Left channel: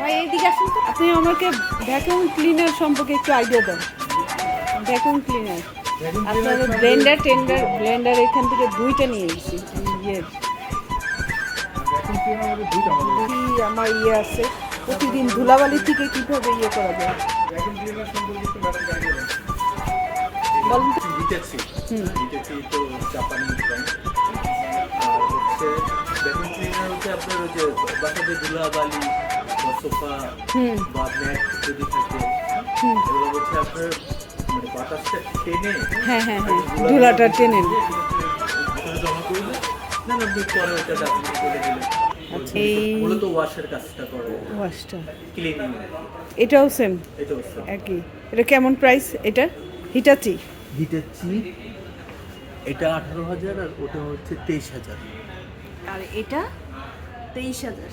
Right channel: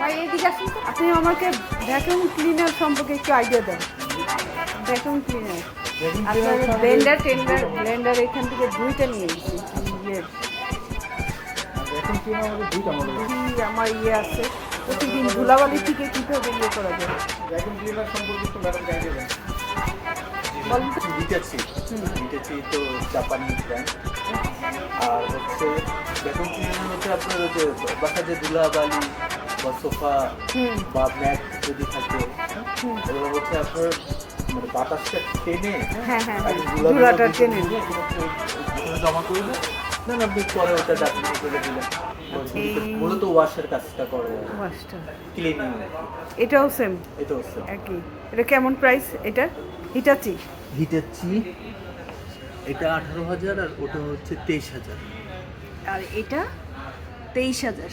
ভাই এইদিকে আসুন তো। আপনি আমাকে ভ্যাকুয়াম ক্লিনার সম্পর্কে একটু আইডিয়া দেন। ভ্যাকুয়াম ক্লিনার আপনার ব্লেন্ডার এখান থেকে দুইটা নিয়ে এসেছি। আমার আছে প্রতিদিন ধুলাবালি থেকে কীভাবে করা যায় বলুন তো। লিখেছি তো জাপানি ব্র্যান্ড। আর হচ্ছে ভ্যাকুম ক্লিনার হচ্ছে আপনার যে বাসায় যে ধুলাবালি বা সোফা বা ম্যাট যদি থাকে এগুলো হচ্ছে আপনার মানে বাতাসটা টেনে ধুলাটা টেনে জমা করবে না আপনি পরে ওটা ডাকলে করে দিলেন। মূলত ওয়াশের কাজটা করে ওয়াশটা ক্লিনিং। এটাও সেম একই। এটা কেমন প্রাইস? এটা হিটাচি এটা 18,000 আর ওটা হচ্ছে 23,000 আর এটা 23,000।